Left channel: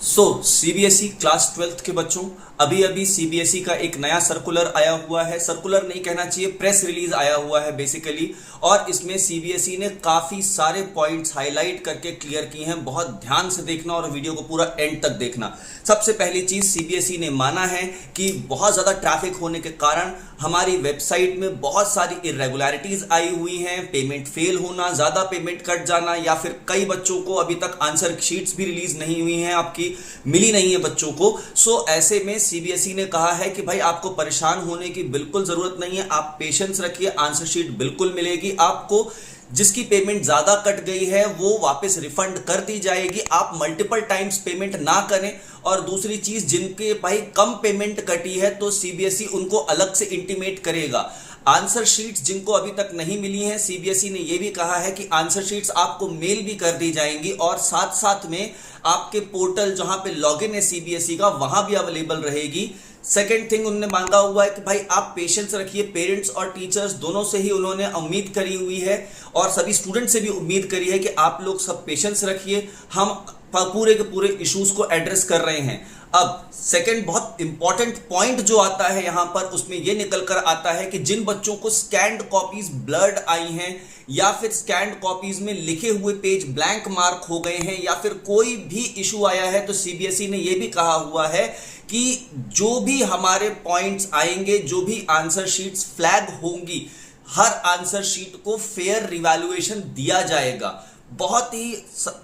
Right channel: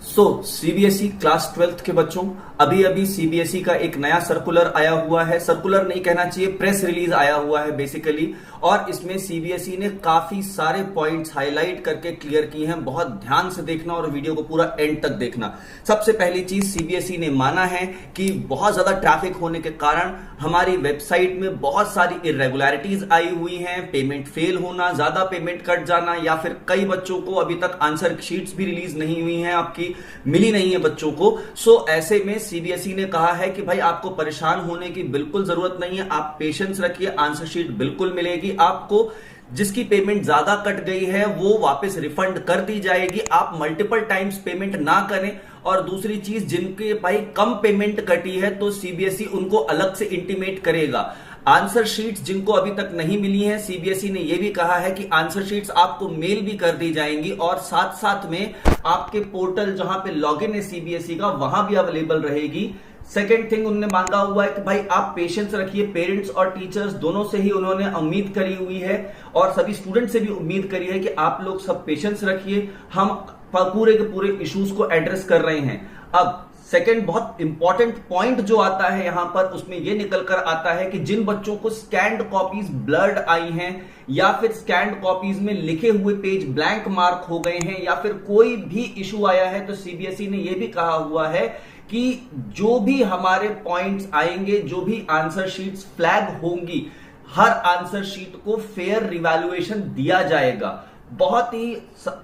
CBSE class 12th के बच्चों, अभी अभी सीबीएसई का एक नया सर्कुलर आया हुआ है। सर्कुलर नहीं कहना चाहिए, प्रेस रिलीज आया हुआ है बेसिकली। और इसमें सीबीएसई ने काफी सारे पॉइंट्स हाईलाइट करके क्लियर किए हैं। बहुत ध्यान से देखना और वीडियो को पूरा एंड तक देखना। सबसे पहली चीज, सीबीएसई ने माना है कि बहुत ज्यादा ट्रैफिक होने के कारण हमारी वेबसाइट में बहुत सारी इरेगुलरिटीज आई हुई हैं। पेमेंट फेल होना, ज्यादा पेमेंट कट जाना, या फिर कई बच्चों को अभी तक आंसर शीट्स भी रिलीज नहीं हुई हैं, आपकी मिली नहीं है बच्चों को। ऐसे में सीबीएसई ने कहा है कि भाई आपको परेशान होने की बिल्कुल जरूरत नहीं है, आप पेशेंस रखिए, आंसर शीट बिल्कुल मिलेगी आपको। जिसकी पेमेंट ज्यादा कट गई है वो वापस रिफंड कर दी जाएगी। आप मल्टीपल टाइम्स पेमेंट ना करें। और दूसरी चीज, जिनके भाई कम पेमेंट कटी है तो सीबीएसई उनको अलग से इंटीमेट करेगा। आंसर शीट्स जिनको अभी तक नहीं मिली हैं, सीबीएसई ने यह भी कहा है कि आंसर शीट्स आपको मेल भी कर दी जाएंगी और साथ साथ में आपके पोर्टल जहां पे लॉगिन है सीबीएसई का, वहां भी अवेलेबल रहेगी। सेकेंड थिंग उन्होंने मांगा हुआ है कि भाई आप पेशेंस रखिए। पेरेंट्स और टीचर्स दोनों से ही उन्होंने उम्मीद करी हुई है और सभी स्टूडेंट से भी उम्मीद करी है कि आप लोग सब पेशेंस रखिए। हम पूरे के पूरे इश्यूज को एड्रेस कर रहे हैं। अब सेकंड बहुत इंपॉर्टेंट पॉइंट जो आता है यहां पर, उसमें यह निकल कर आता है कि जिन बच्चों को स्कैन्ड कॉपीज ब्लर्ड आई हैं या फिर स्कैन्ड कॉपीज में लिखे हुए पेज ब्लैंक मार्क हो गए हैं या फिर कोई भी इशू आया है, तो सीबीएसई ने यह भी कहा हुआ है कि जो भी हमारे पॉइंट्स आएंगे, जो भी आंसर शीट्स फ्लैग होंगी, हर आंसर शीट को फेयर रिवैल्यूएशन दिया जाएगा। बहुत ही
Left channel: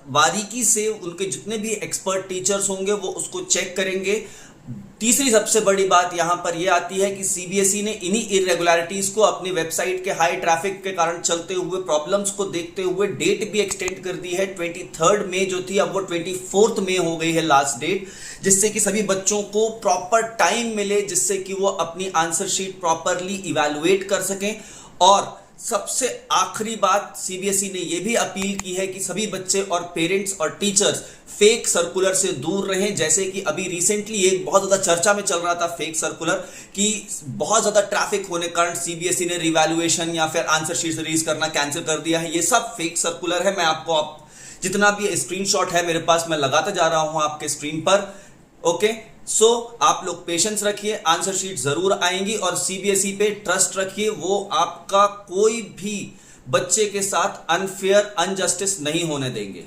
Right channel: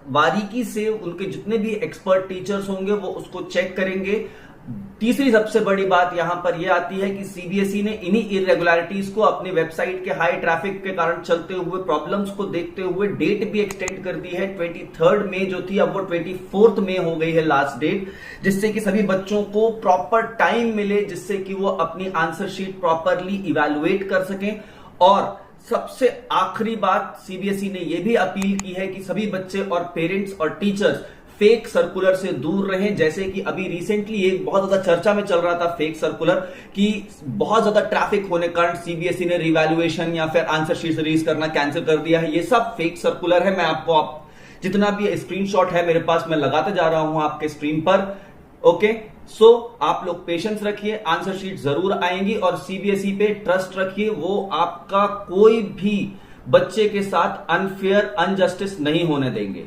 बारीकी से उनके जितने भी एक्सपर्ट टीचर्स होंगे वो उसको चेक करेंगे। तीसरी सबसे बड़ी बात यहां पर यह आती है कि सीबीएसई ने इन्हीं इरेगुलरिटीज को अपनी वेबसाइट के हाई ट्रैफिक के कारण चलते हुए प्रॉब्लम्स को देखते हुए डेट भी एक्सटेंड कर दी है। 23 मई जो थी, अब वो 24 मई हो गई है लास्ट डेट, जिससे कि सभी बच्चों को प्रॉपर टाइम मिले, जिससे कि वो अपनी आंसर शीट प्रॉपरली इवैल्यूएट कर सकें। और सबसे आखिरी बात, सीबीएसई ने यह भी अपील की है कि सभी बच्चे और पेरेंट्स और टीचर्स फेक सर्कुलर से दूर रहें। जैसे कि अभी रिसेंटली एक बहुत ज्यादा चर्चा में चल रहा था फेक सर्कुलर कि बहुत ज्यादा ट्रैफिक होने के कारण सीबीएसई ने रिवैल्यूएशन या फिर आंसर शीट रिलीज करना कैंसिल कर दिया है। ये सब फेक सर्कुलर है। मैं आपको जितना भी स्क्रीनशॉट है मेरे पास, मैं लगाता जा रहा हूं आपके स्क्रीन पर। ओके, आप लोग पेशेंस रखिए, आंसर शीट जरूर आएंगी और सीबीएसई पे ट्रस्ट रखिए। वो आपका कोई भी बच्चे के साथ अनफेयर अनजस्टिस नहीं होने देंगे।